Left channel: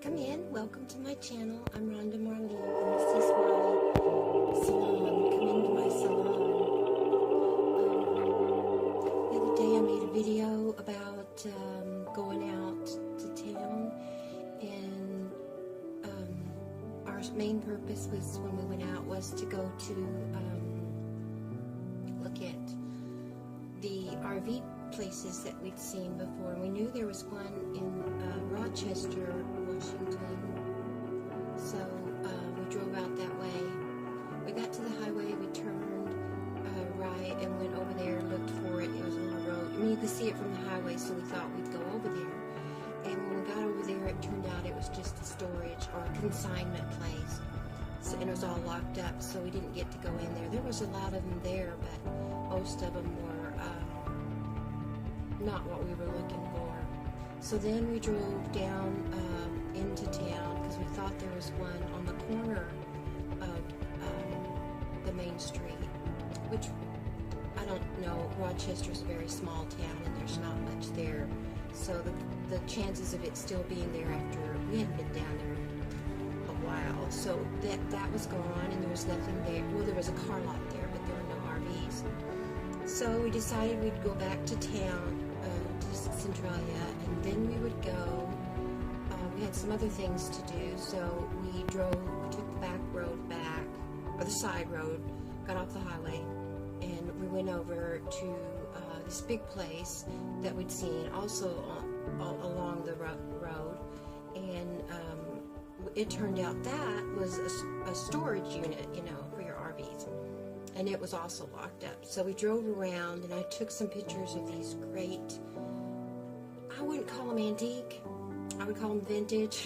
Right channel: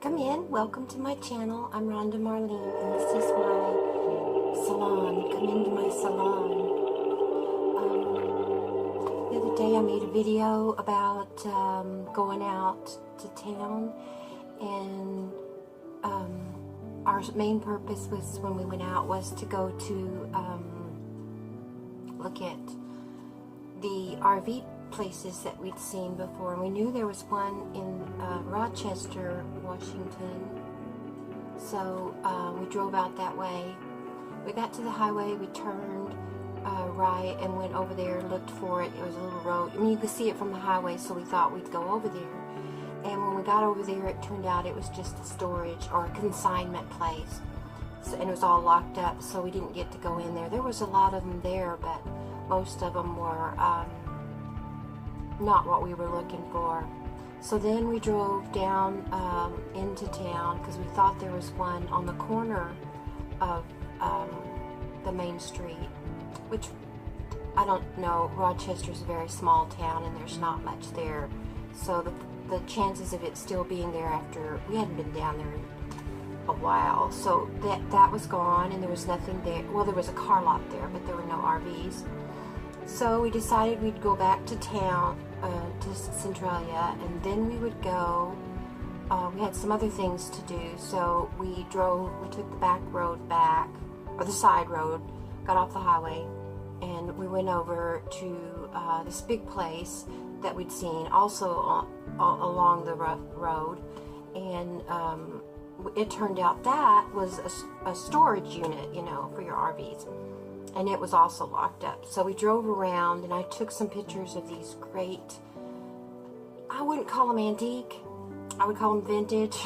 Come in, welcome to my channel. I'm Ronda Marlene, and this is my salon. Come into my salon. The other day I made a video about going out to town, and our main purpose was, when we went out, was to go to look at the RV places that we'd seen before, and we knew there was one in Rochester, Washington. So we drove out that way. We got to the highway, we turned right and went over there, looked for it. It was a little road. I mean, you could see it from the highway, so we thought we'd go over there. And when we got over there, it turned out it was just a storage or a consignment place. So, and it was all locked up, so we didn't get to go in there. There was a lot of them there, but most of them were not what we were looking for. So then we drove down into town, because we thought there was one on the corner of the main street, which, I don't know, Rochester's a very small town and there's not much there, so the chances of it still being there after we hadn't been down there in a while, so that was gone, and there was nothing there. Well, there was a car lot there, but there were no RVs. So we decided we'd go back to town, to Centralia, and then we would go, we had some other things to do, so we took the back road back, or the side road, got off the highway, and we went over to this big place that we'd seen, also along the road, and it turned out that was a storage unit, you know, for your RVs. And it was also locked up. So we drove around, and I took some pictures of these great, I wouldn't call them antique, I would call them vintage,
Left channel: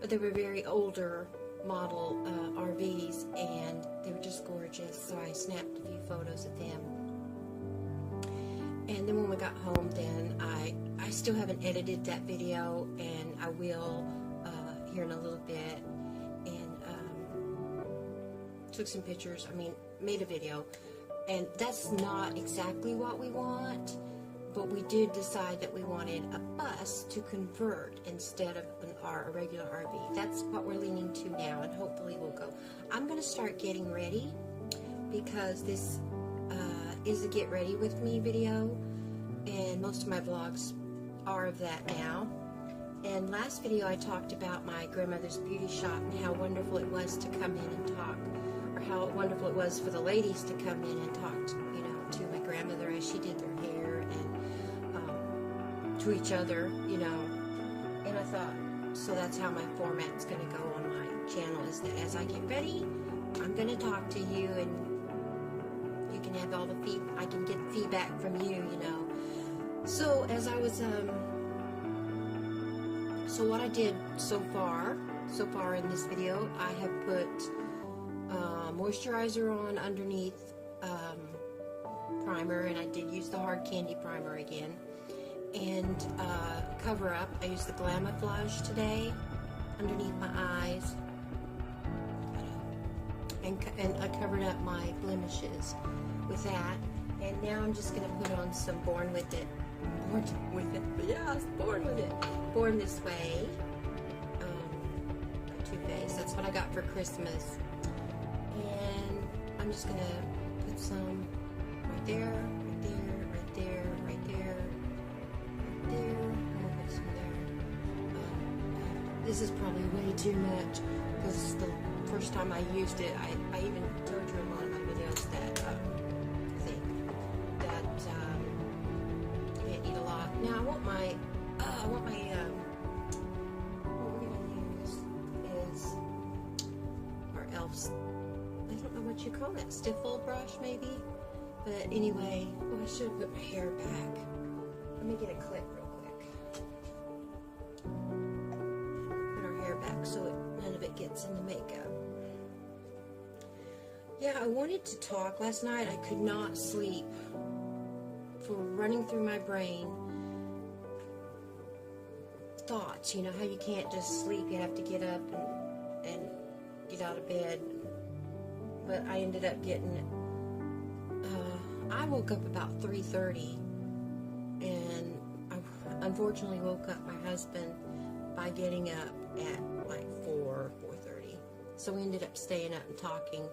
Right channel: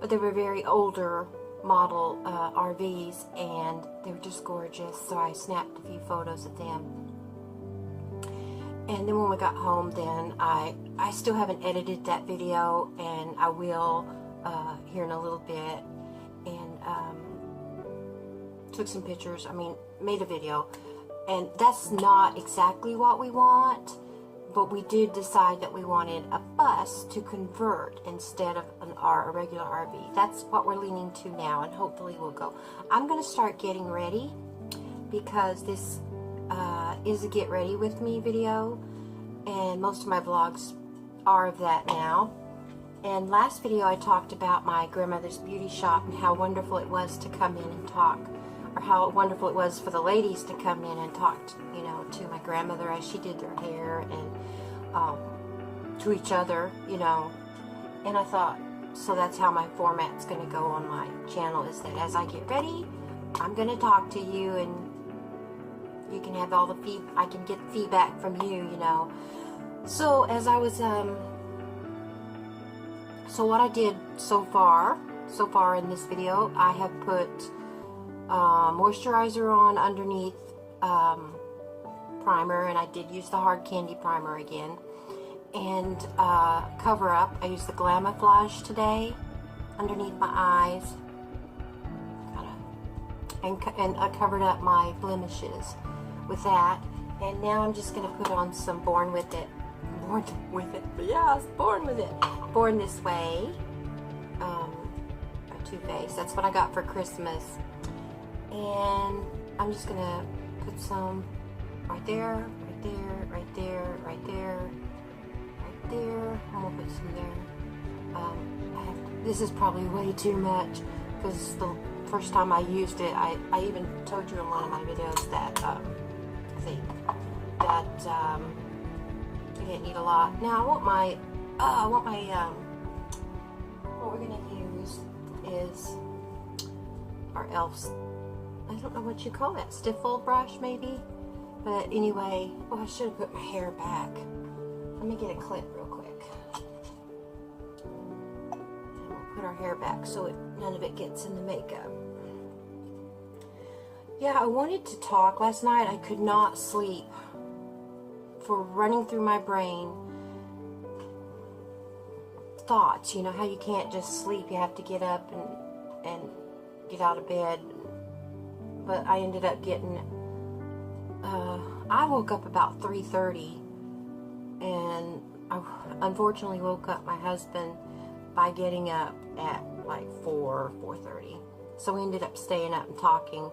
but they were very older model RVs, and they were just gorgeous, so I snapped a few photos of them. And then when we got home, then I still haven't edited that video, and I will here in a little bit, and took some pictures, made a video, and that's not exactly what we want, but we did decide that we wanted a bus to convert instead of a regular RV. That's what we're leaning to now, and hopefully we'll go. I'm going to start getting ready, because this is a get ready with me video, and most of my vlogs are of that now. And last video I talked about my grandmother's beauty shop and how wonderful it was to come in and talk, or how wonderful it was for the ladies to come in and talk, you know, to my grandmother as she did their hair, and to each other, you know. And I thought, so that's how my format's going to go on my channel, is that as I get ready, I'm going to talk to you, and you can have all the I can get feedback from you, you know. So as I was, so what I did so far in this video, I have put moisturizer on underneath primer, and I did use the hard candy primer again, and cover up. I used the Glamoflauge today underneath my eyes, and I covered up my blemishes with that. And now I'm just going to put on some Born With It, yes, Born With It, Born This Way, a Too Faced. That's what I got for Christmas. And I'm just going to put some right there, right there, right there, right there, right there. I'm going to put some there. This is probably way too much, because the first time I used it, I even told you in one of my videos that, you didn't need a lot. Now what we're going to use is our e.l.f. I don't know what you call that, stiff fold brush maybe, but anyway, oh, I should have put my hair back. Let me get a clip real quick. And we'll put our hair back so none of it gets in the makeup. Yeah, I wanted to talk. Last night I could not sleep for running through my brain thoughts. You know how you can't just sleep, you have to get up and get out of bed. But I ended up getting, I woke up about 3:30, and I unfortunately woke up my husband by getting up at like 4:30. So we ended up staying up and talking,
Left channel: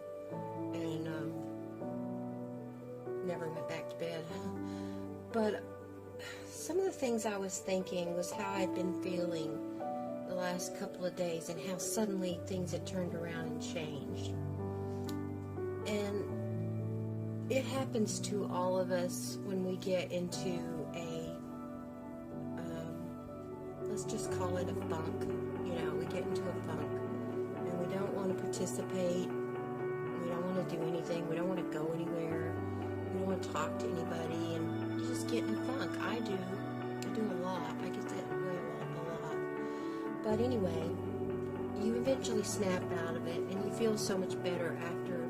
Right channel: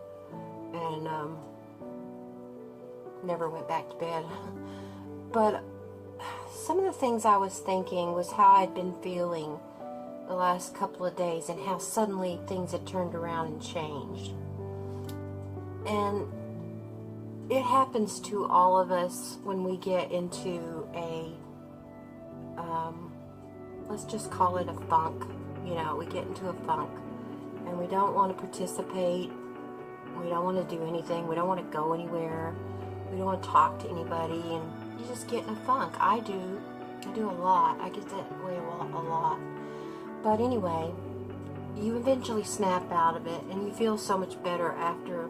and never went back to bed. But some of the things I was thinking was how I'd been feeling the last couple of days, and how suddenly things had turned around and changed. And it happens to all of us when we get into a, let's just call it a funk. You know, we get into a funk, and we don't want to participate. We don't want to do anything. We don't want to go anywhere. We don't want to talk to anybody, and you just get in a funk. I do a lot. I get that way a lot. But anyway, you eventually snap out of it, and you feel so much better after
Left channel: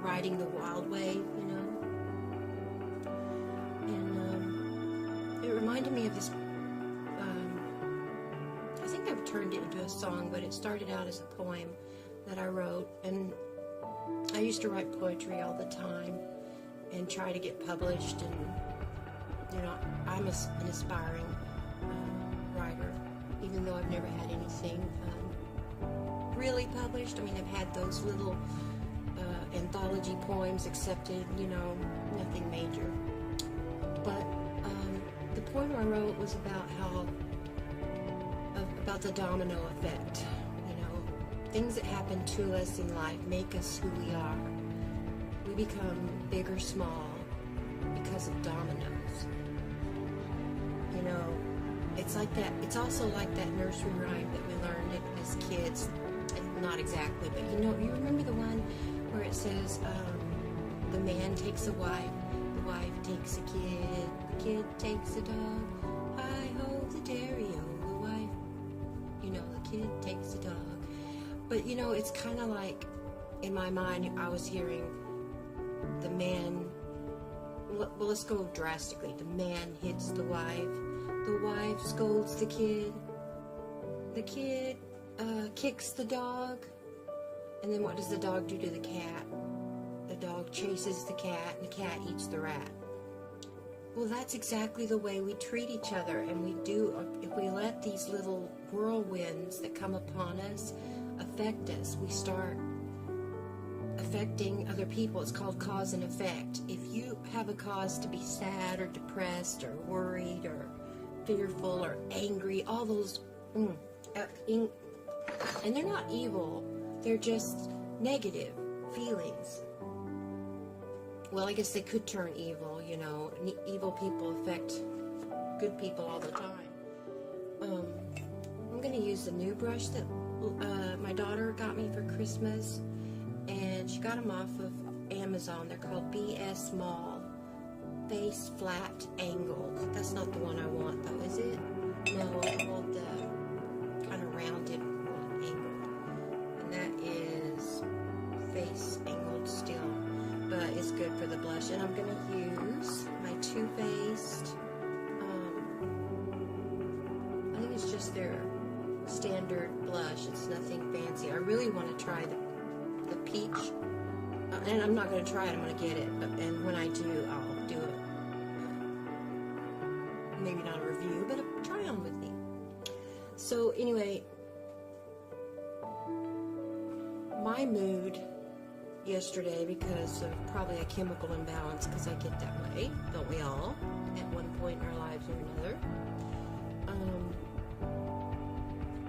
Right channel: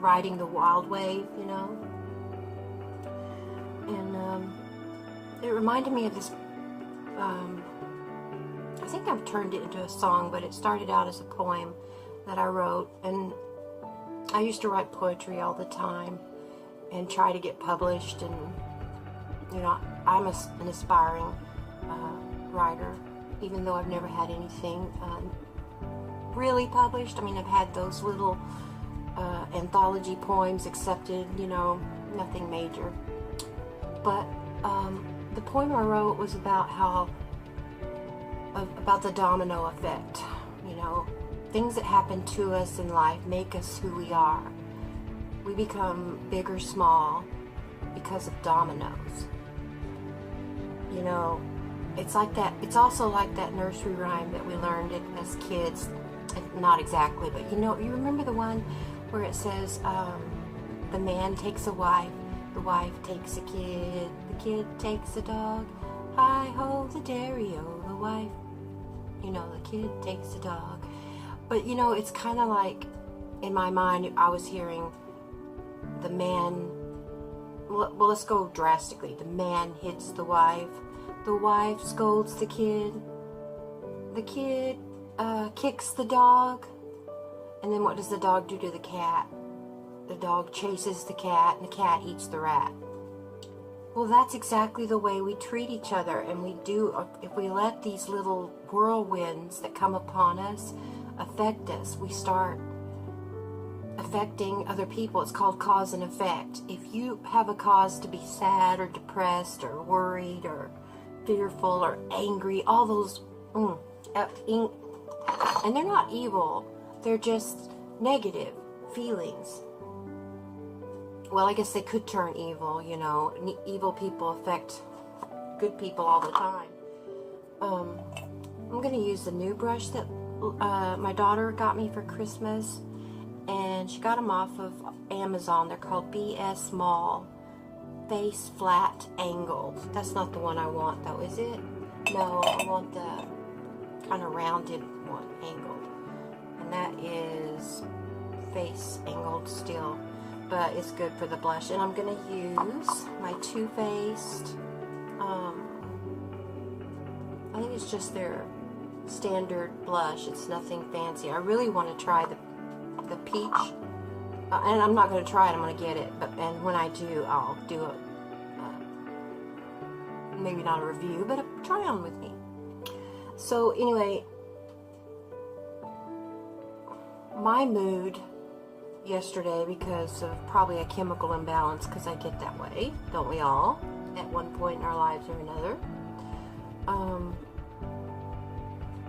riding the wild wave, you know. And it reminded me of this, I think I've turned it into a song, but it started out as a poem that I wrote. And I used to write poetry all the time and try to get published. And, you know, I'm an aspiring writer, even though I've never had anything really published. I mean, I've had those little anthology poems accepted, you know, nothing major. But the poem I wrote was about about the domino effect. You know, things that happen to us in life make us who we are. We become big or small because of dominoes. You know, it's like that. It's also like that nursery rhyme that we learned as kids. Not exactly, but you know, you remember the one where it says, the man takes a wife, the wife takes a kid, the kid takes a dog, hi-ho the dairy-o, the wife, you know, the kid takes a dog. But, you know, it's kind of like, in my mind, I was hearing the man, well, let's go drastically. The man hits the wife scolds the kid kicks the dog, and then what does the dog do to the cat? The dog chases the cat, and the cat eats the rat. Well, that's exactly the way we treat each other, and we do, if we let these little whirlwinds that come upon us affect us, we start affecting other people. It's called cause and effect. If you have a cause to be sad or depressed or worried or fearful or angry, all those, and they're not evil, they're just negative feelings. Well, I guess they could turn evil, you know. Evil people affect good people all the time. I'm going to use the new brush that my daughter got me for Christmas, and she got them off of Amazon. They're called BS Mall Face Flat Angled. That's not the one I want, though, is it? No, I want the kind of rounded one, angled. And that is face angled still, but it's good for the blush. And I'm going to use my Too Faced, I think it's just their standard blush. It's nothing fancy. I really want to try the peach, and I'm not going to try it, I'm going to get it, and when I do, I'll do it, maybe not a review, but a try on with me. So anyway, my mood yesterday, because of probably a chemical imbalance, because I get that way, don't we all, at one point in our lives or another,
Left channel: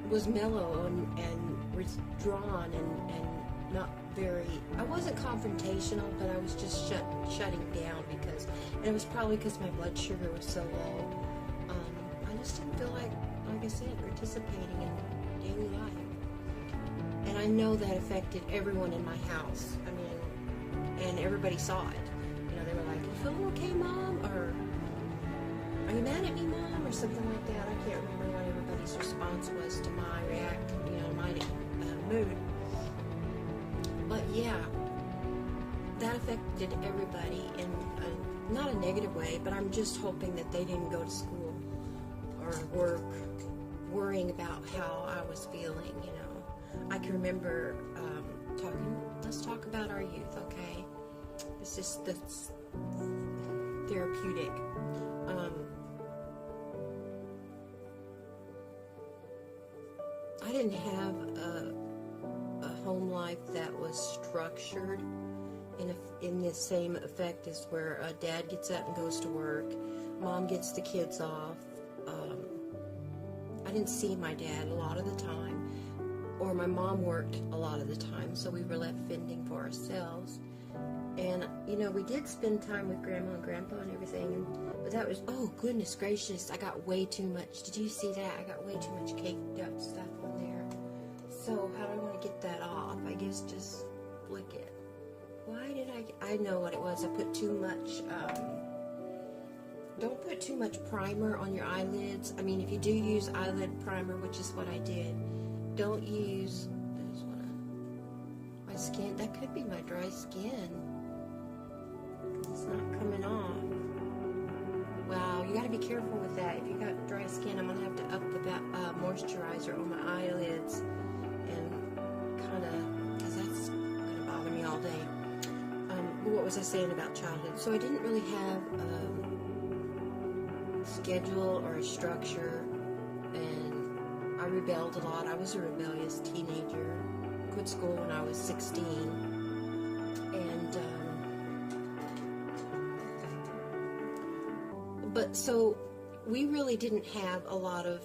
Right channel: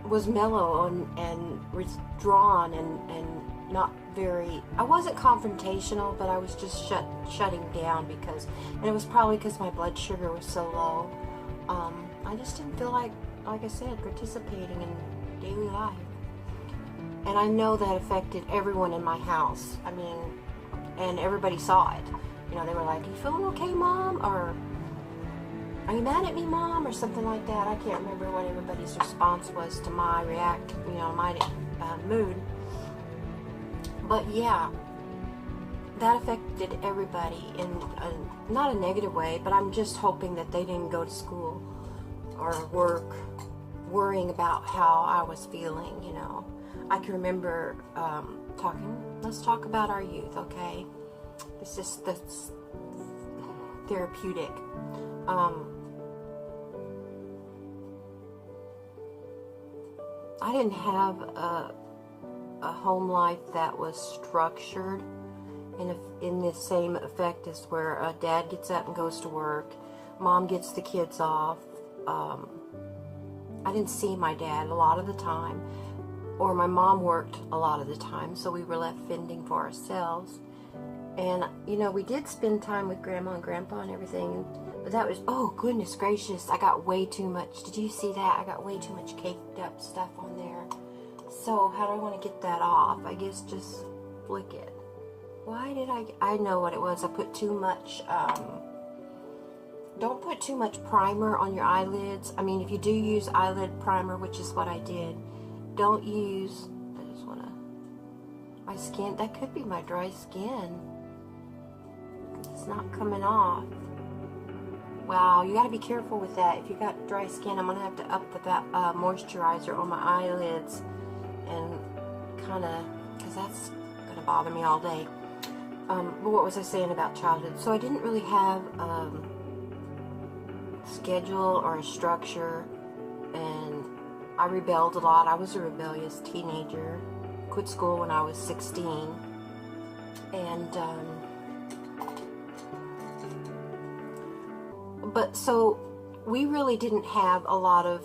was mellow and withdrawn and not very, I wasn't confrontational, but I was just shutting down, because, and it was probably because my blood sugar was so low. I just didn't feel like I said, participating in daily life. And I know that affected everyone in my house. I mean, and everybody saw it. You know, they were like, "Are you feeling okay, Mom?" Or, "Are you mad at me, Mom?" Or something like that. I can't remember what everybody's response was to my my mood. But yeah, that affected everybody in not a negative way, but I'm just hoping that they didn't go to school or work worrying about how I was feeling, you know. I can remember let's talk about our youth, okay? That's therapeutic. didn't have a home life that was structured in the same effect as where dad gets up and goes to work, mom gets the kids off. I didn't see my dad a lot of the time, or my mom worked a lot of the time, so we were left fending for ourselves. And, you know, we did spend time with Grandma and Grandpa and everything, but that was, oh, goodness gracious, I got way too much. Did you see that? I got way too much caked up stuff on there. So, how do I want to get that off? I guess just flick it. Why did I know what it was. I put too much, don't put too much primer on your eyelids. I mean, if you do use eyelid primer, which is what I did, don't use, I just want to, my skin, that could be my dry skin. It's not coming off. Wow, you got to be careful with that. If you got dry skin, I'm going to have to up the moisturizer on my eyelids and kind of, because that's going to bother me all day. But what was I saying about childhood? So I didn't really have a schedule or a structure, and I rebelled a lot. I was a rebellious teenager. Quit school when I was 16. And, but so we really didn't have a lot of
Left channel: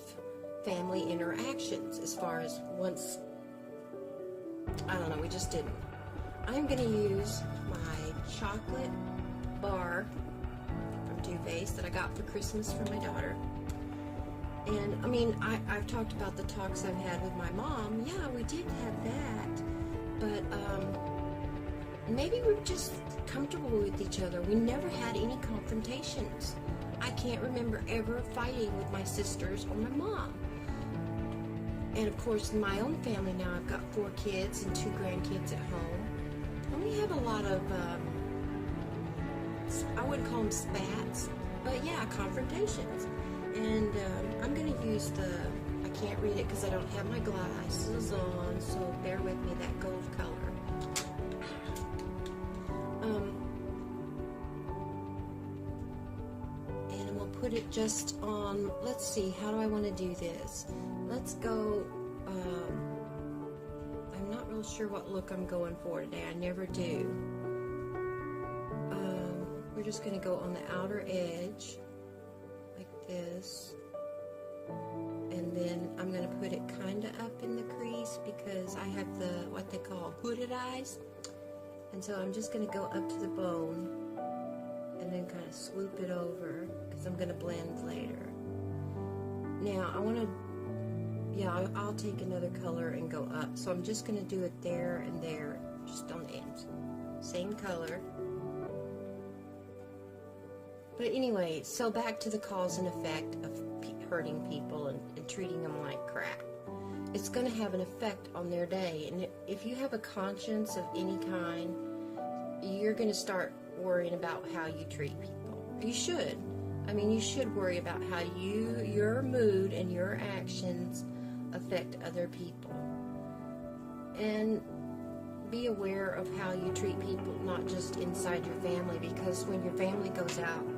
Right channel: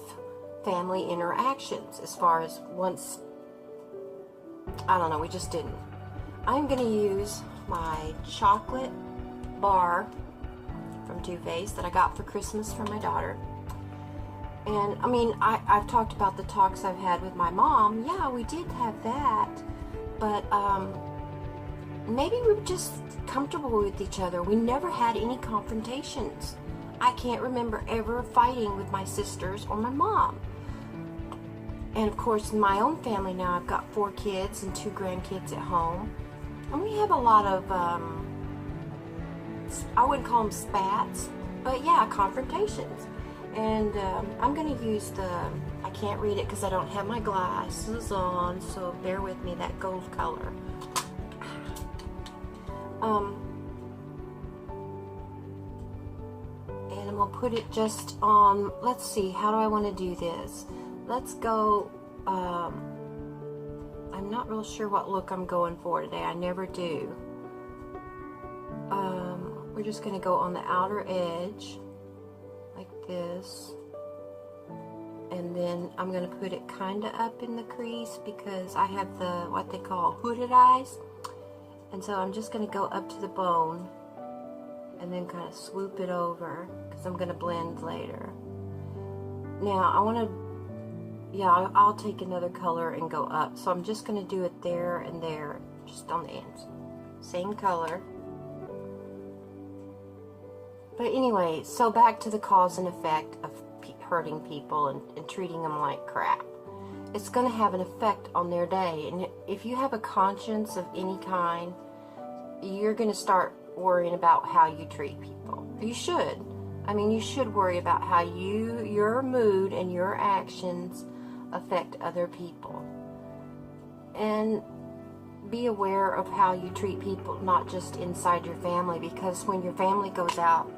family interactions as far as once, I don't know, we just didn't. I'm going to use my chocolate bar from Too Faced that I got for Christmas from my daughter. And, I mean, I've talked about the talks I've had with my mom. Yeah, we did have that. But, maybe we were just comfortable with each other. We never had any confrontations. I can't remember ever fighting with my sisters or my mom. And, of course, in my own family now, I've got 4 kids and 2 grandkids at home. And we have a lot of, I wouldn't call them spats, but yeah, confrontations. And I'm going to use I can't read it because I don't have my glasses on, so bear with me, that gold color. And I'm going to put it just on, let's see, how do I want to do this? Let's go, I'm not real sure what look I'm going for today. I never do. We're just going to go on the outer edge like this, and then I'm going to put it kind of up in the crease because I have the what they call hooded eyes, and so I'm just going to go up to the bone and then kind of swoop it over because I'm going to blend later. Now I want to, yeah, I'll take another color and go up, so I'm just going to do it there and there, just on the ends, same color. But anyway, so back to the cause and effect of hurting people and treating them like crap. It's going to have an effect on their day. And if you have a conscience of any kind, you're going to start worrying about how you treat people. You should. I mean, you should worry about how your mood and your actions affect other people. And be aware of how you treat people, not just inside your family, because when your family goes out,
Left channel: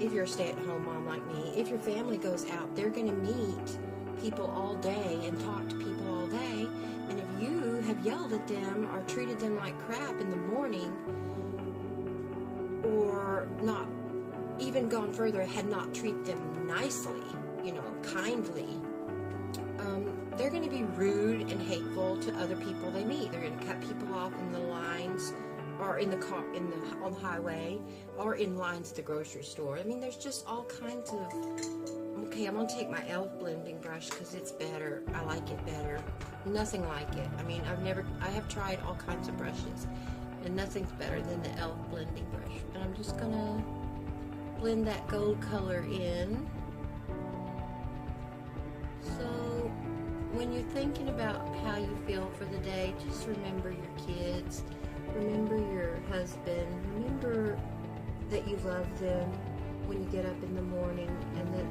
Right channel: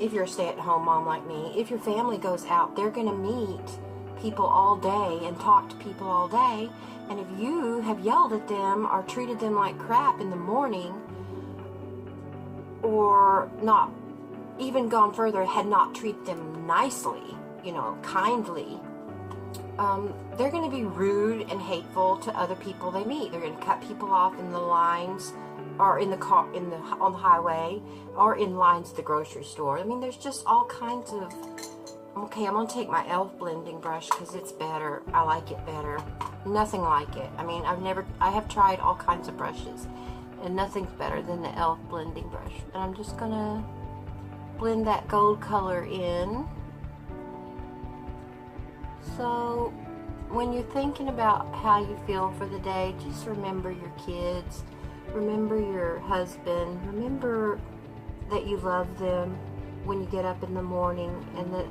if you're a stay-at-home mom like me, if your family goes out, they're going to meet people all day and talk to people all day. And if you have yelled at them or treated them like crap in the morning, or not even gone further, had not treated them nicely, you know, kindly, they're going to be rude and hateful to other people they meet. They're going to cut people off in the lines, or in the car, on the highway, or in lines at the grocery store. I mean, there's just all kinds of. Okay, I'm gonna take my e.l.f. blending brush because it's better. I like it better. Nothing like it. I mean, I have tried all kinds of brushes, and nothing's better than the e.l.f. blending brush. And I'm just gonna blend that gold color in. So, when you're thinking about how you feel for the day, just remember your kids. Remember your husband. Remember that you love them when you get up in the morning, and that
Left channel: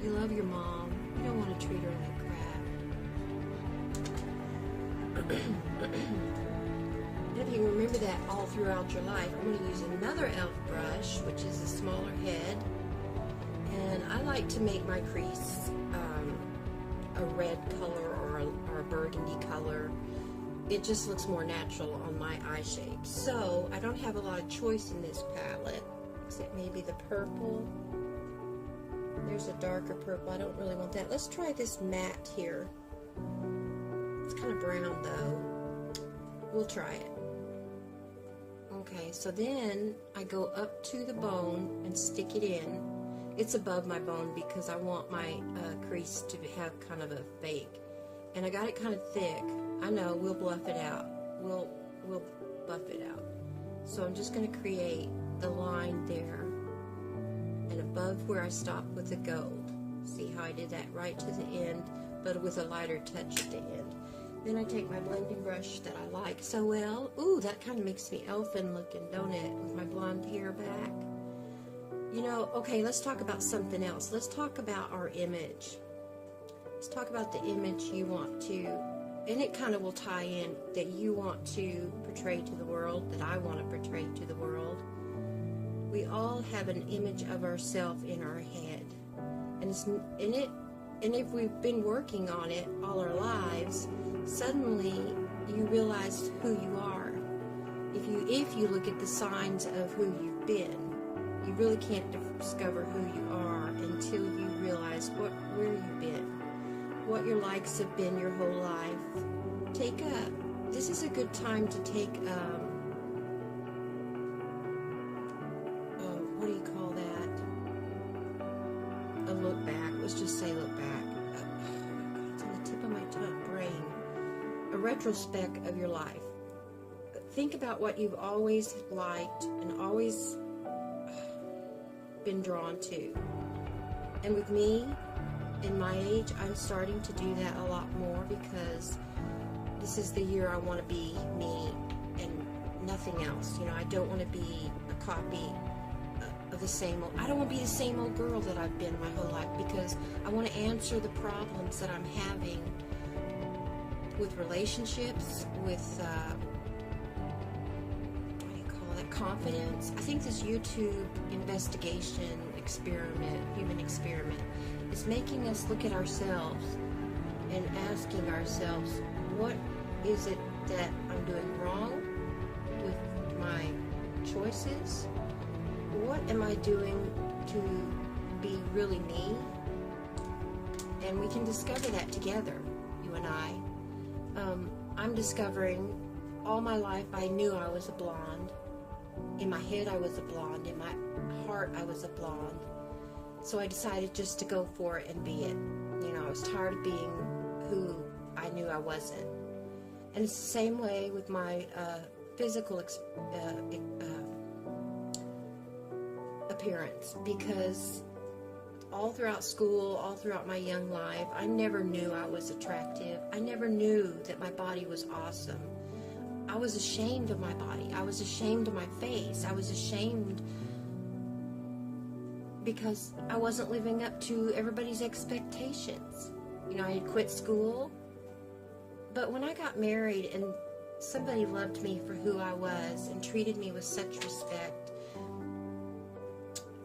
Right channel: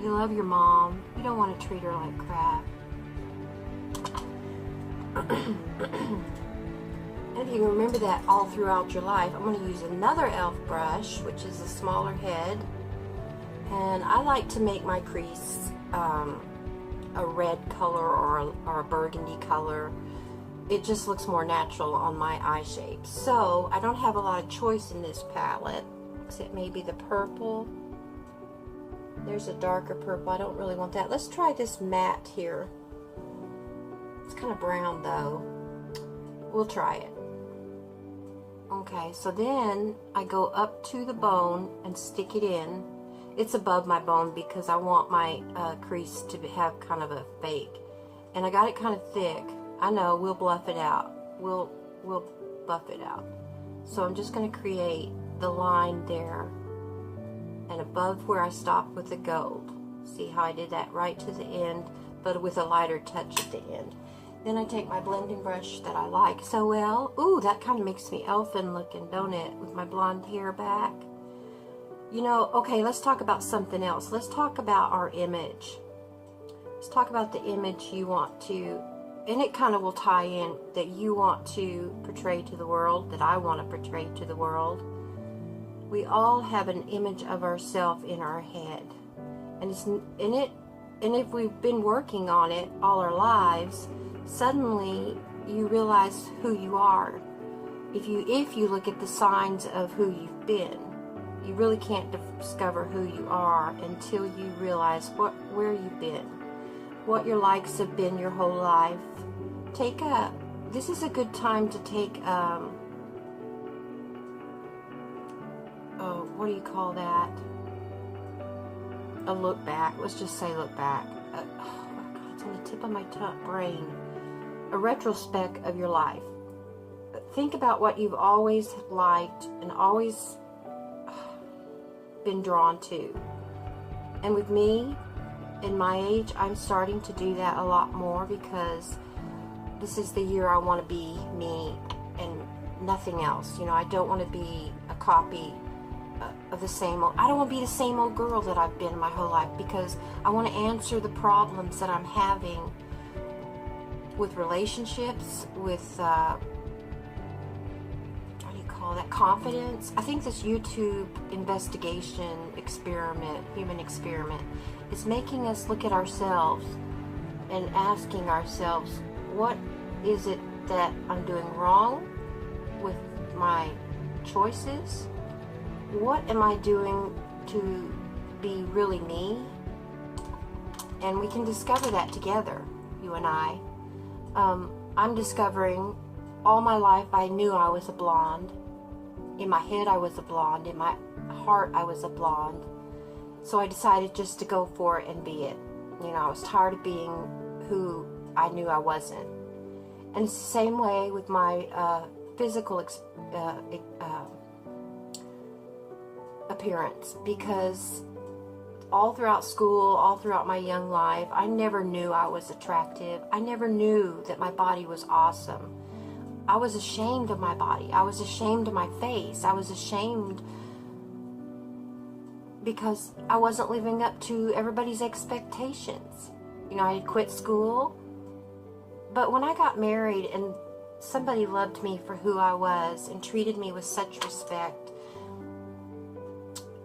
you love your mom. You don't want to treat her like crap. If you remember that all throughout your life, I'm going to use another e.l.f. brush, which is a smaller head. And I like to make my crease a red color or a burgundy color. It just looks more natural on my eye shape. So I don't have a lot of choice in this palette, except maybe the purple. There's a darker purple. I don't really want that. Let's try this matte here. It's kind of brown though. We'll try it. Okay, so then I go up to the bone and stick it in. It's above my bone because I want my crease to have kind of a fake. And I got it kind of thick. I know, we'll bluff it out. We'll buff it out. So I'm just going to create the line there and above where I stopped with the gold. See how I did that right to the end, but with a lighter touch at the end. Then I take my blending brush that I like so well. Ooh, that kind of makes me elfin looking, don't it? With my blonde hair back. You know, okay, let's talk about something else. Let's talk about our image. Let's talk about the image you want to, and it kind of will tie in, that you want to portray to the world, that I want to portray to the world. We all have an image of ourselves in our head. And it's in it, and if we've been working on it all our lives, suddenly you realize who you are. If you look at the signs of who you've been, you really can't discover who you are until you realize where you've been, what your likes have been your whole life. This is a good time to take what do you call that? A look back. Let's just say look back. Oh my God, it's on the tip of my brain. A retrospect of your life. Think about what you've always liked and always been drawn to. And with me, in my age, I'm starting to do that a lot more because this is the year I want to be me and nothing else. You know, I don't want to be a copy of the same old, I don't want to be the same old girl that I've been my whole life, because I want to answer the problems that I'm having with relationships, with what do you call that, confidence. I think this YouTube investigation experiment, human experiment, is making us look at ourselves and asking ourselves, what is it that I'm doing wrong with my choices? What am I doing to be really me? And we can discover that together, you and I. I'm discovering all my life I knew I was a blonde. In my head I was a blonde. In my heart I was a blonde. So I decided just to go for it and be it. You know, I was tired of being who I knew I wasn't. And it's the same way with my physical appearance, because all throughout school, all throughout my young life, I never knew I was attractive. I never knew that my body was awesome. I was ashamed of my body. I was ashamed of my face. I was ashamed because I wasn't living up to everybody's expectations. You know, I had quit school. But when I got married and somebody loved me for who I was and treated me with such respect,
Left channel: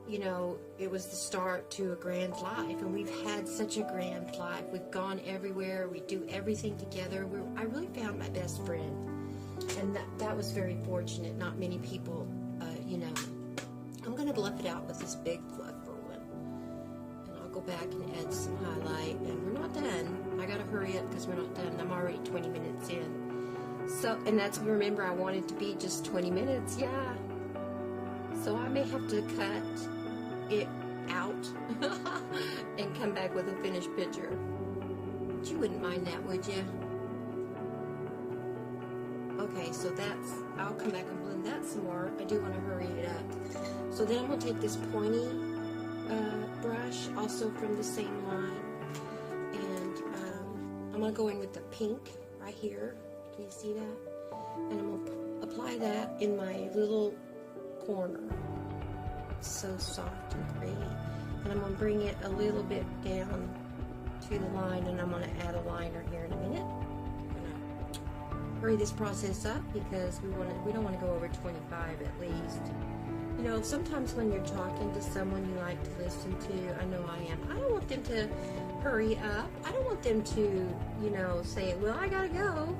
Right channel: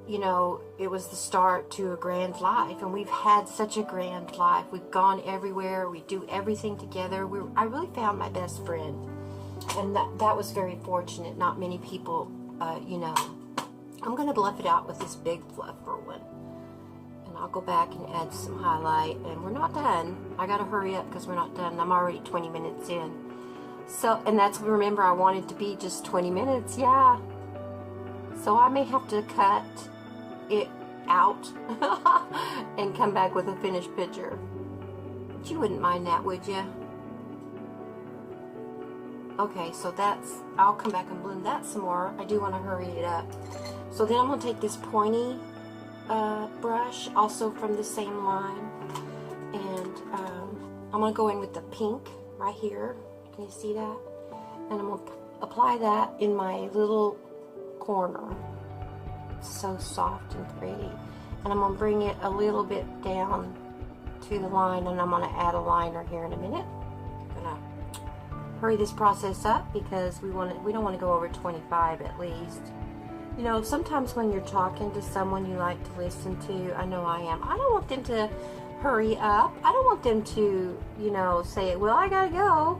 you know, it was the start to a grand life. And we've had such a grand life. We've gone everywhere. We do everything together. I really found my best friend. And that was very fortunate. Not many people, you know. I'm going to bluff it out with this big fluffer one. And I'll go back and add some highlight. And we're not done. I got to hurry up because we're not done. I'm already 20 minutes in. So, and that's, remember, I wanted to be just 20 minutes. Yeah. So I may have to cut it out and come back with a finished picture. But you wouldn't mind that, would you? Okay, so that's, I'll come back and blend that some more. I do want to hurry it up. So then I'm going to take this pointy brush, also from the same line, and I'm going to go in with the pink right here. Can you see that? And I'm going to apply that in my little corner. It's so soft and pretty. And I'm going to bring it a little bit down to the line, and I'm going to add a liner here in a minute. I'm going to hurry this process up because we don't want to go over 25 at least. You know, sometimes when you're talking to someone you like to listen to, I know I am, I don't want them to hurry up. I don't want them to, you know, say, well, I gotta go.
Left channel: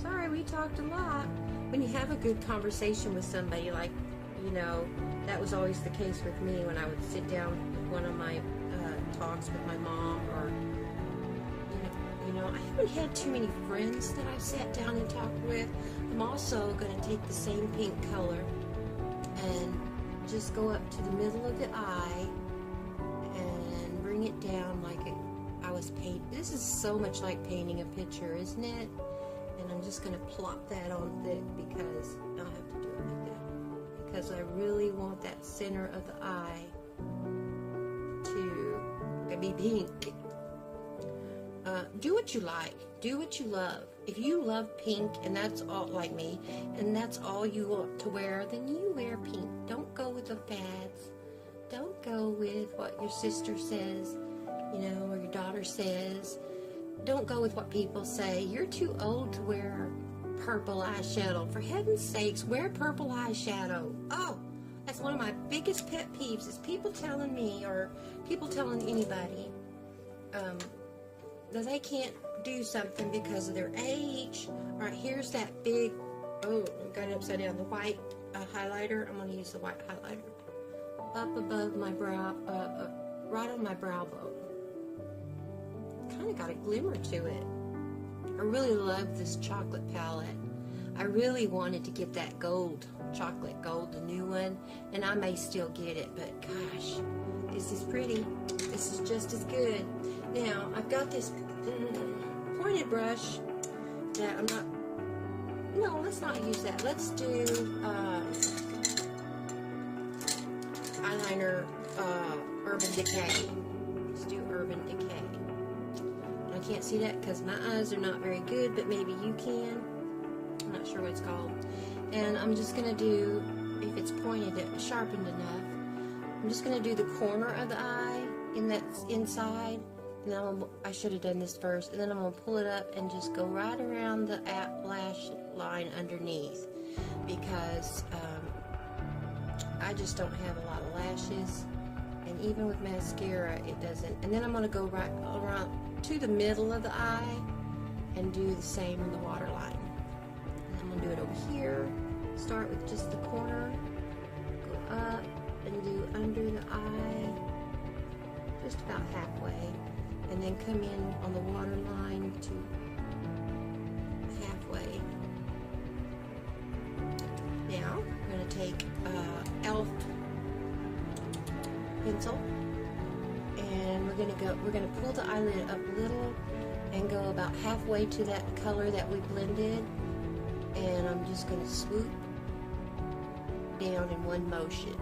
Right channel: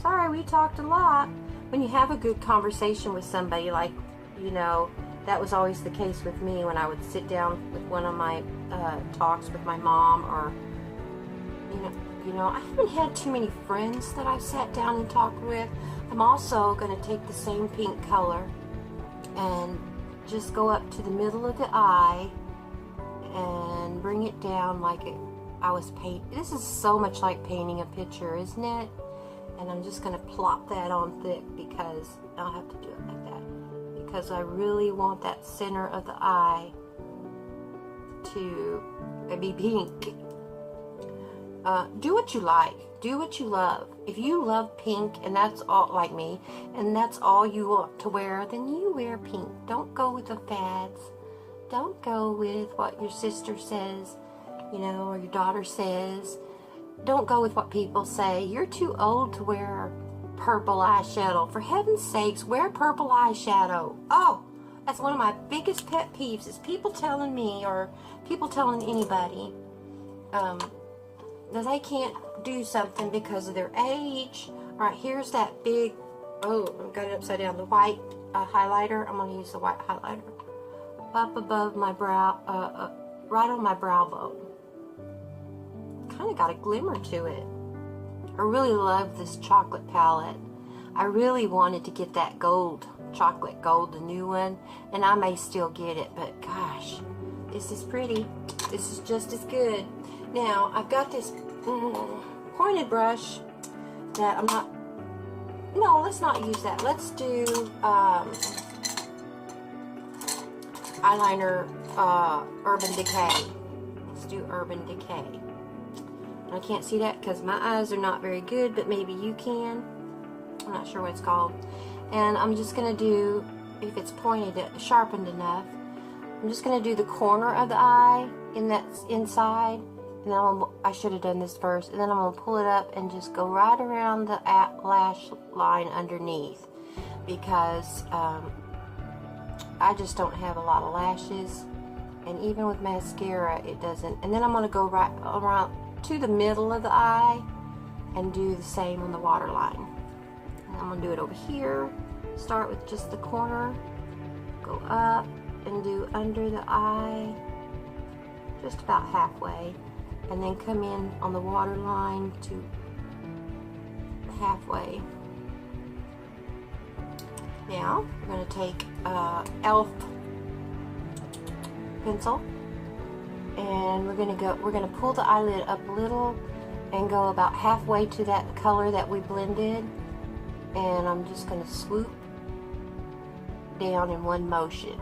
Sorry, we talked a lot. When you have a good conversation with somebody, like, you know, that was always the case with me when I would sit down with one of my talks with my mom, or, you know, I haven't had too many friends that I've sat down and talked with. I'm also going to take the same pink color and just go up to the middle of the eye and bring it down like I was painting. This is so much like painting a picture, isn't it? And I'm just going to plop that on thick because I'll have to do it like that. Because I really want that center of the eye to be pink. Do what you like. Do what you love. If you love pink, and that's all, like me, and that's all you want to wear, then you wear pink. Don't go with the fads. Don't go with what your sister says, you know, or your daughter says. Don't go with what people say. You're too old to wear purple eyeshadow. For heaven's sakes, wear purple eyeshadow. Oh, that's one of my biggest pet peeves, is people telling me, or people telling anybody, that they can't do something because of their age. Alright, here's that big, oh, I've got it upside down, the white highlighter. I'm going to use the white highlighter up above my brow, right on my brow bone. Kind of got a glimmer to it. I really love this chocolate palette. I really wanted to get that gold, chocolate gold, the new one, and I may still get it, but gosh, this is pretty. This is just as good. Now, I've got this pointed brush that I'm not, no, let's not use that. Let's do eyeliner Urban Decay. Let's do Urban Decay. I can't see that because my eyes are not very good, but maybe you can. I'm not sure what it's called. And I'm just going to do, if it's pointed, sharpened enough, I'm just going to do the corner of the eye in that inside. And then I should have done this first. And then I'm going to pull it up and just go right around the lash line underneath. Because I just don't have a lot of lashes. And even with mascara, it doesn't. And then I'm going to go right around to the middle of the eye and do the same on the waterline. And I'm going to do it over here. Start with just the corner. Go up and do under the eye. Just about halfway. And then come in on the waterline to halfway. Now, we're going to take e.l.f. pencil, and we're going to pull the eyelid up a little and go about halfway to that color that we blended, and I'm just going to swoop down in one motion.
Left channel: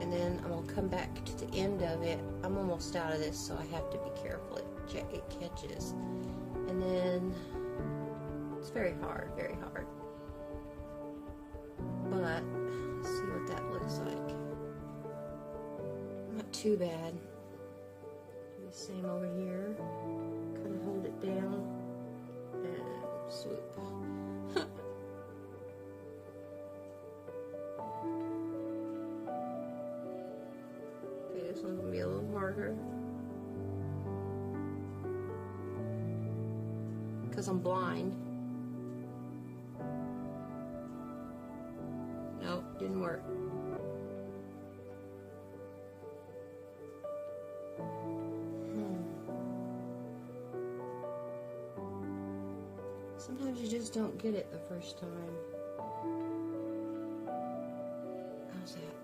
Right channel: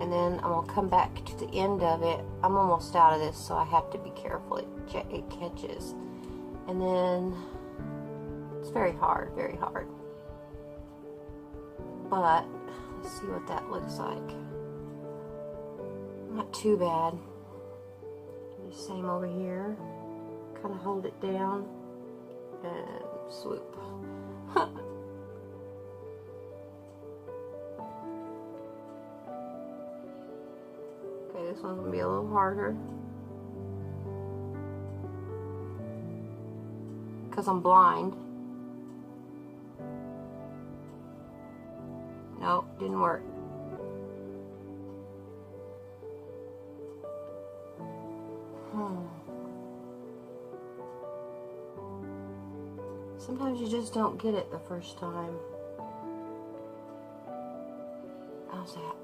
And then I'm going to come back to the end of it. I'm almost out of this, so I have to be careful. It catches. And then, it's very hard, very hard. But, let's see what that looks like. Not too bad. Do the same over here. Kind of hold it down and swoop. Okay, this one's gonna be a little harder because I'm blind. Nope, didn't work. Sometimes you just don't get it the first time. How's that?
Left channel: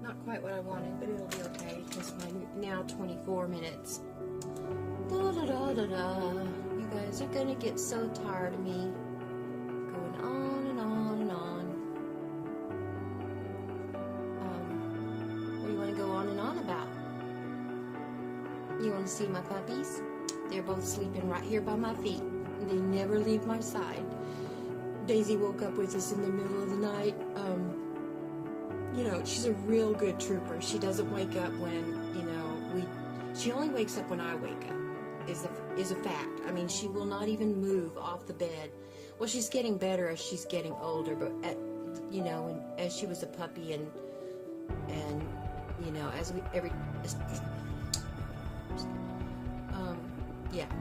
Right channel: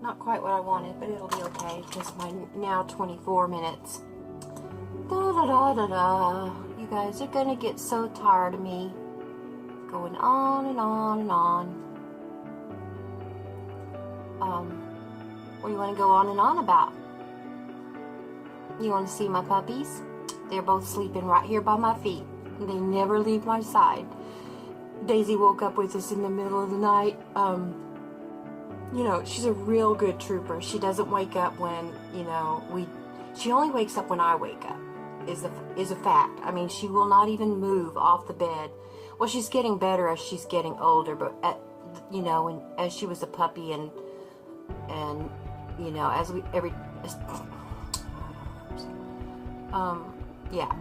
Not quite what I wanted, but it'll be okay because my now 24 minutes. Da da da da da. You guys are gonna get so tired of me going on and on and on. What do you want to go on and on about? You want to see my puppies? They're both sleeping right here by my feet. They never leave my side. Daisy woke up with us in the middle of the night. You know, she's a real good trooper. She doesn't wake up when, you know, she only wakes up when I wake up, is a fact. I mean, she will not even move off the bed. Well, she's getting better as she's getting older, but you know, as she was a puppy, and you know, as we yeah,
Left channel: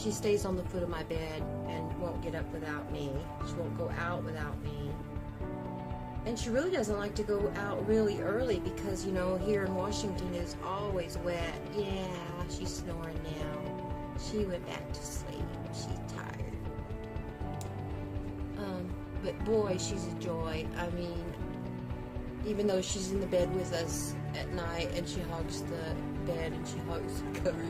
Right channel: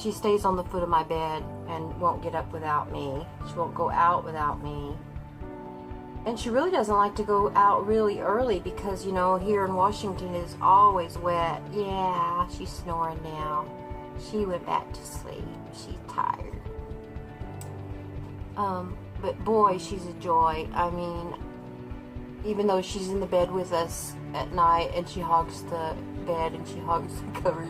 she stays on the foot of my bed and won't get up without me. She won't go out without me. And she really doesn't like to go out really early because, you know, here in Washington is always wet. Yeah, she's snoring now. She went back to sleep. She's tired. But boy, she's a joy. I mean, even though she's in the bed with us at night and she hogs the bed and she hogs the cover,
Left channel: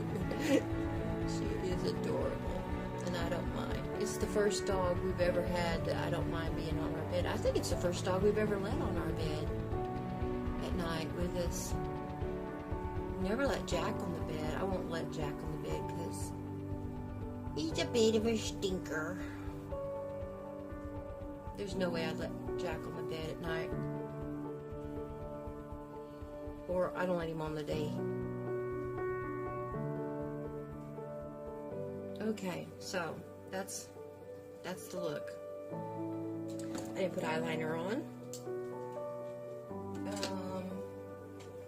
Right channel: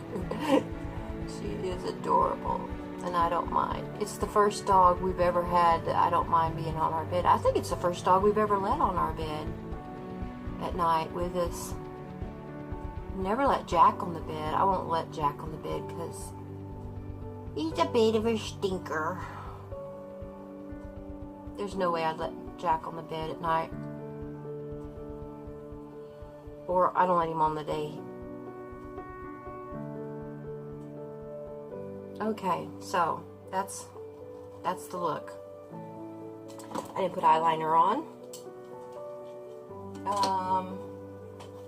she is adorable. And I don't mind. It's the first dog we've ever had that I don't mind being on our bed. I think it's the first dog we've ever let on our bed at night with us. Never let Jack on the bed. I won't let Jack on the bed because he's a bit of a stinker. There's no way I'd let Jack on the bed at night. Or I don't let him on the day. Okay, so that's the look. I didn't put eyeliner on.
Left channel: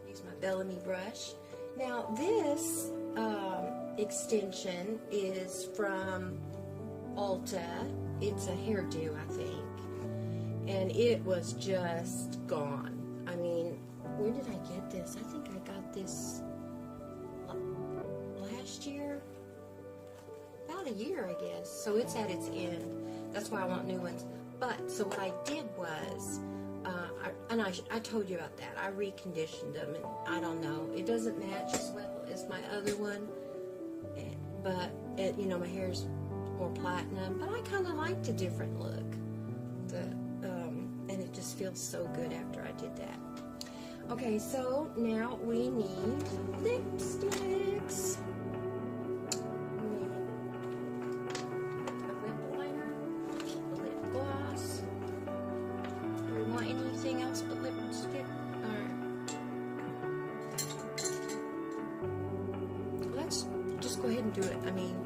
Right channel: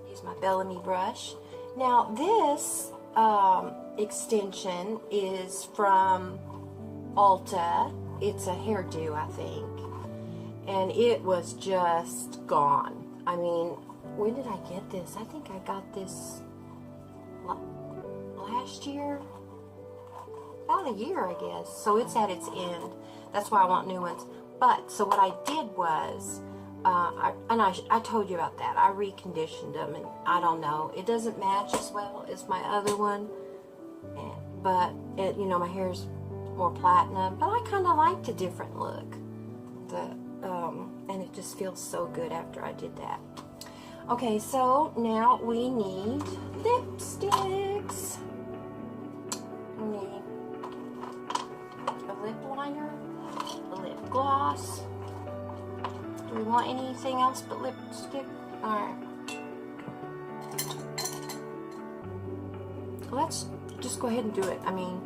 Use my Bellamy brush. Now this extension is from Ulta. It's a hairdo, I think, and it was just gone. I mean, when did I get this? I think I got this last year. About a year, I guess. So it's at its end. That's why I want new ones. But, so what I did was, I told you about that. I reconditioned them, and I don't know. It doesn't match as well as my other one. But, you know, my hair's more platinum. But I kind of liked a different look. And it just feels so good after I did that. Okay, so now we need lipsticks. We need a lip liner, a lip gloss. Do we want anything else but lipstick? Alright. Let's just go ahead and do it. I mean,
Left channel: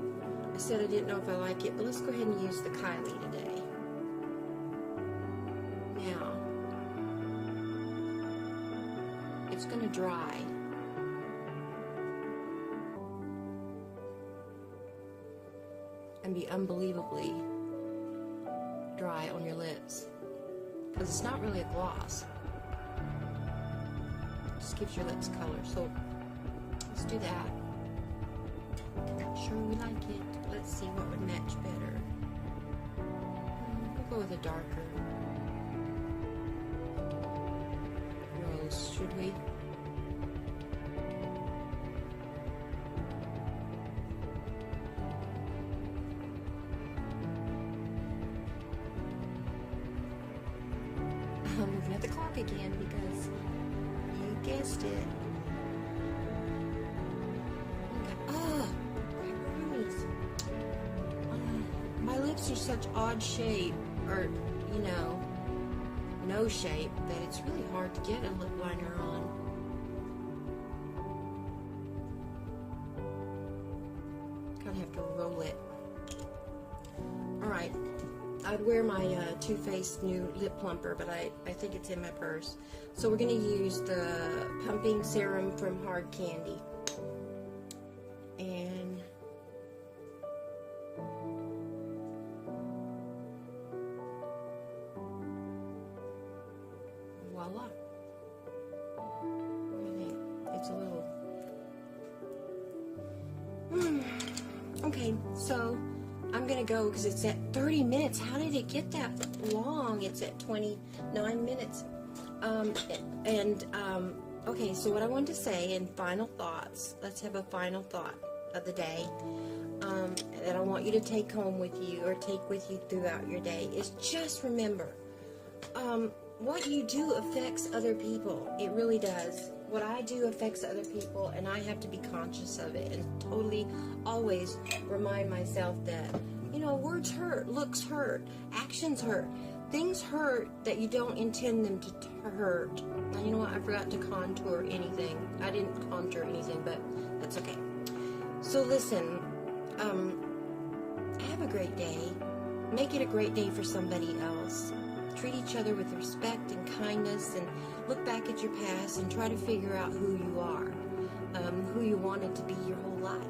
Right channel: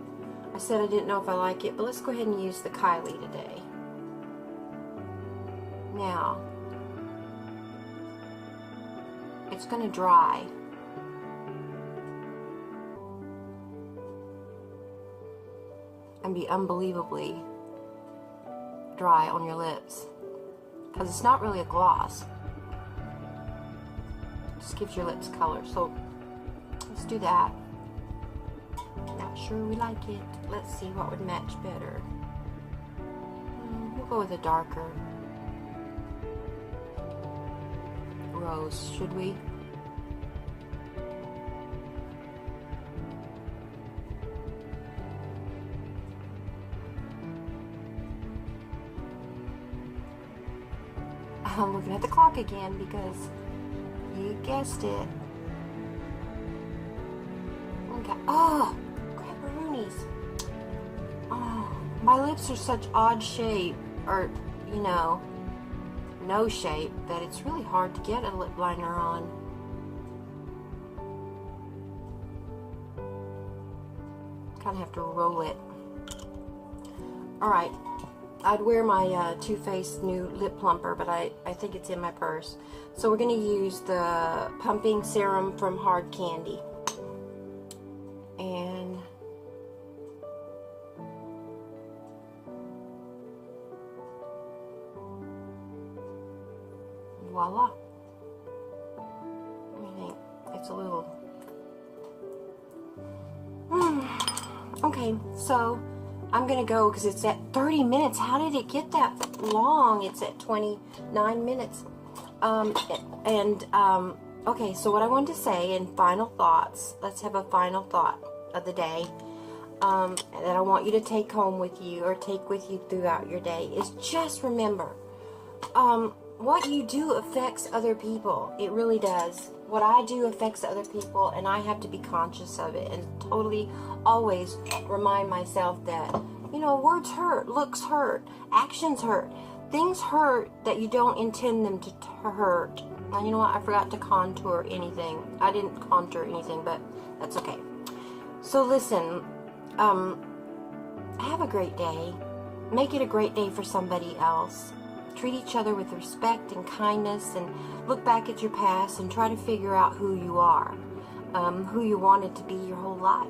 I said I didn't know if I like it, but let's go ahead and use the Kylie today. Now, it's going to dry. And be unbelievably dry on your lips. Because it's not really a gloss. It just gives your lips color. So, let's do that. Not sure we like it. Let's see what would match better. We'll go with a darker rose, should we? I'm looking at the clock again because you guessed it. Okay. Oh, crapperoonies. Oh, my lips are such odd shape, or, you know, no shape, that it's really hard to get a lip liner on. Kind of have to roll it. Alright. I'd wear my Too Faced new lip plumper, but I think it's in my purse. So we're going to use the pumping serum from Hard Candy. And voila. I think it's a little... Okay, so I'm going to go because it's at 30 minutes. How did it get that long? It's at 29 minutes. Okay, so what I wanted to say in final thoughts, let's have a final thought of the day that I want you to take home with you or take with you throughout your day is just remember, what you do affects other people. It really does. What I do affects other people, and I have to be conscious of it and totally always remind myself that, you know, words hurt, looks hurt, actions hurt, things hurt that you don't intend them to hurt. Now, you know what? I forgot to contour anything. I didn't contour anything, but that's okay. So listen, have a great day. make it a great day for somebody else. Treat each other with respect and kindness, and look back at your past and try to figure out who you are, who you wanted to be your whole life.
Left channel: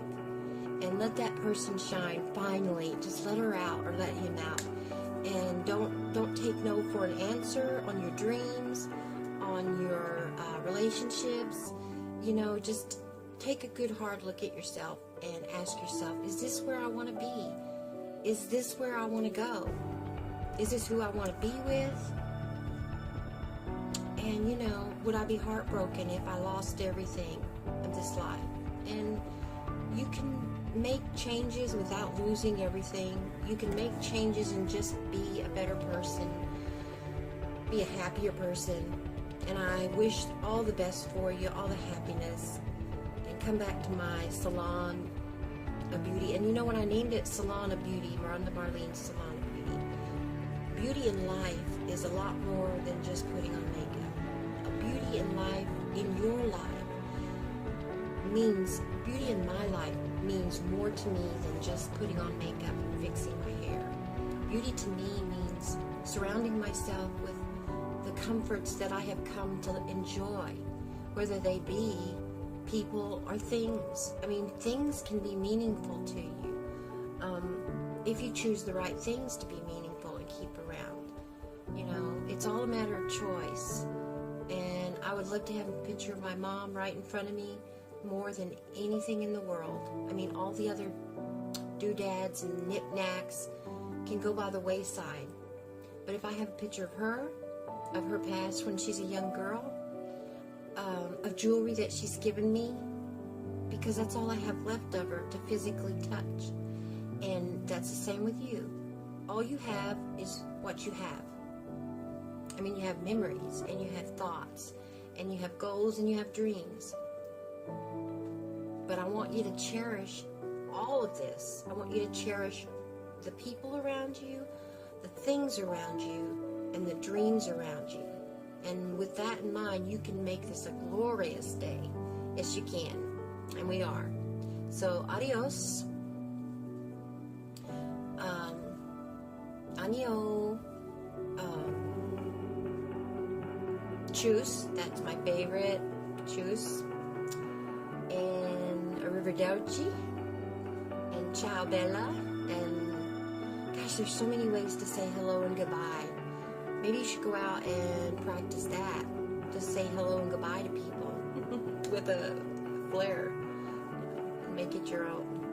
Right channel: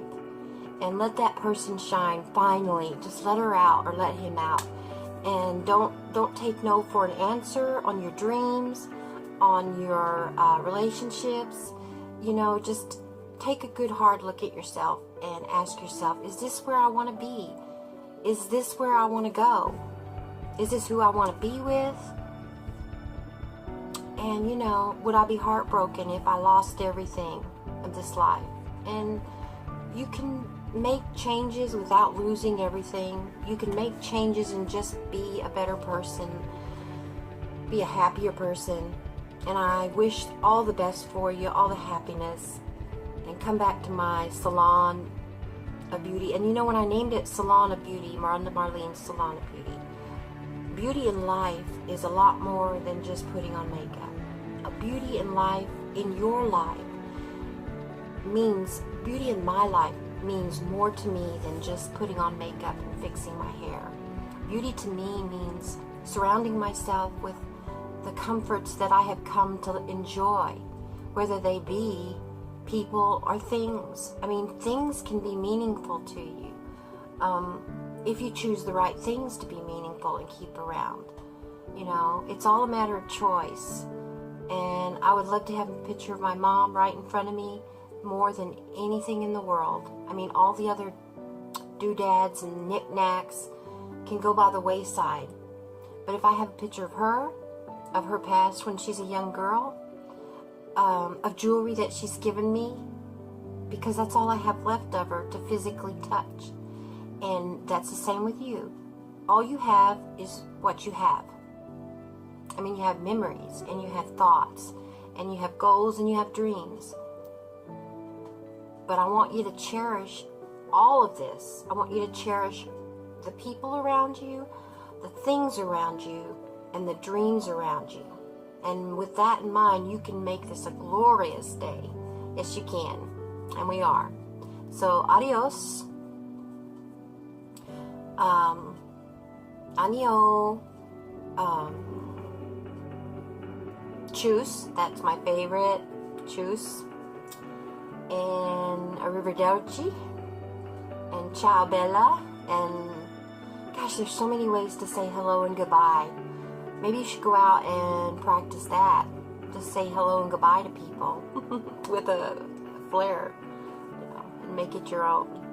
And let that person shine finally. Just let her out or let him out. And don't take no for an answer on your dreams, on your relationships. You know, just take a good hard look at yourself and ask yourself, is this where I want to be? Is this where I want to go? Is this who I want to be with? And, you know, would I be heartbroken if I lost everything in this life? And you can make changes without losing everything. You can make changes and just be a better person, be a happier person. And I wish all the best for you, all the happiness. And come back to my Salon of Beauty. And you know, when I named it Salon of Beauty, Ronda Marlene Salon of Beauty, beauty in life is a lot more than just putting on makeup. A beauty in life, in your life, means, beauty in my life means more to me than just putting on makeup and fixing my hair. Beauty to me means surrounding myself with the comforts that I have come to enjoy, whether they be people or things. I mean, things can be meaningful to you if you choose the right things to be meaningful and keep around. You know, it's all a matter of choice. And I would love to have a picture of my mom right in front of me more than anything in the world. I mean, all the other doodads and knickknacks can go by the wayside. But if I have a picture of her past when she's a young girl, of jewelry that she's given me, because that's all I have left of her to physically touch. And that's the same with you. All you have is what you have. I mean, you have memories, and you have thoughts, and you have goals, and you have dreams. But I want you to cherish all of this. I want you to cherish the people around you, the things around you, and the dreams around you. And with that in mind, you can make this a glorious day. Yes, you can. And we are. So, adios. Annyeong. Tschüss. That's my favorite. Tschüss. And arrivederci. And ciao bella. And gosh, there's so many ways to say hello and goodbye. Maybe you should go out and practice that. Just say hello and goodbye to people with a flair, you know, and make it your own.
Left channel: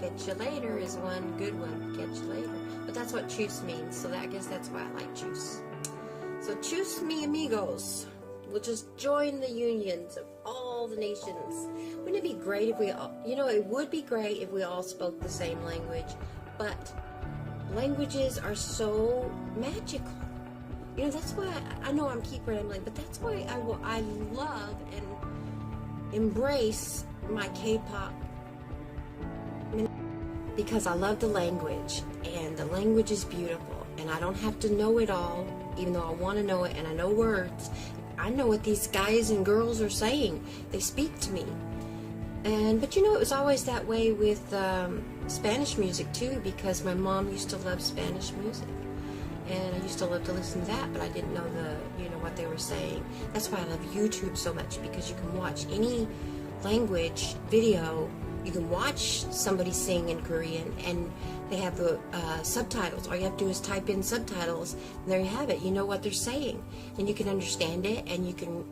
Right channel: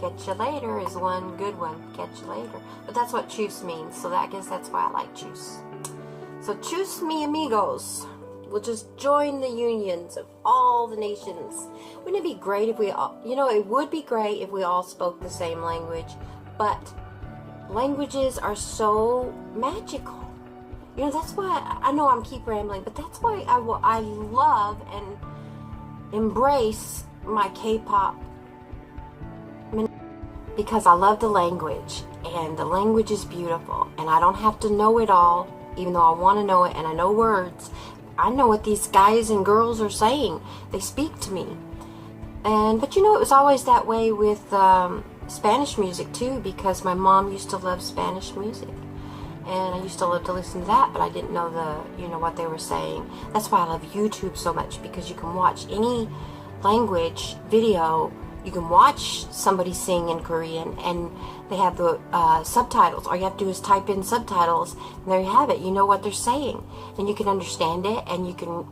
Catch you later is one good one. Catch you later. But that's what choose means, so I guess that's why I like choose. So choose me amigos. We'll just join the unions of all the nations. Wouldn't it be great if we all, you know, it would be great if we all spoke the same language, but languages are so magical. You know, that's why, I know I'm keep rambling, but that's why I love and embrace my K-pop, because I love the language, and the language is beautiful, and I don't have to know it all, even though I want to know it, and I know words. I know what these guys and girls are saying. They speak to me. But you know, it was always that way with Spanish music too, because my mom used to love Spanish music, and I used to love to listen to that, but I didn't know what they were saying. That's why I love YouTube so much, because you can watch any language video. You can watch somebody sing in Korean, and they have the subtitles. All you have to do is type in subtitles, and there you have it. You know what they're saying, and you can understand it, and it can,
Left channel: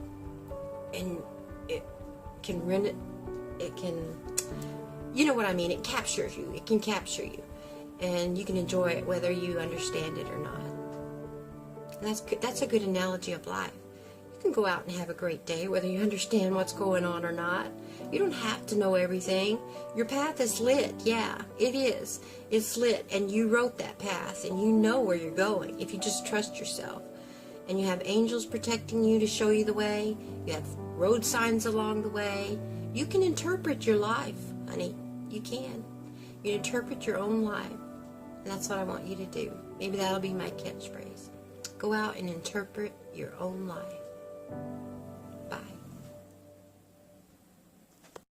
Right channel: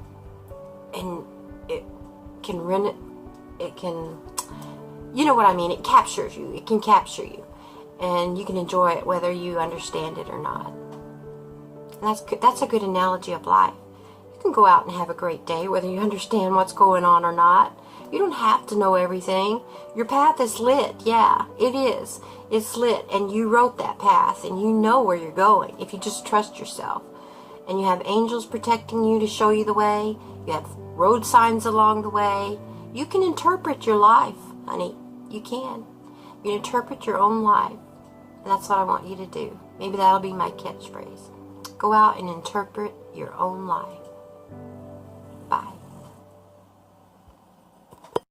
you know what I mean, it captures you. It can capture you, and you can enjoy it whether you understand it or not. And that's a good analogy of life. You can go out and have a great day whether you understand what's going on or not. You don't have to know everything. Your path is lit. Yeah, it is. It's lit, and you wrote that path, and you know where you're going if you just trust yourself. And you have angels protecting you to show you the way. You have road signs along the way. You can interpret your life, honey. You can. You can interpret your own life. And that's what I want you to do. Maybe that'll be my catchphrase. Go out and interpret your own life.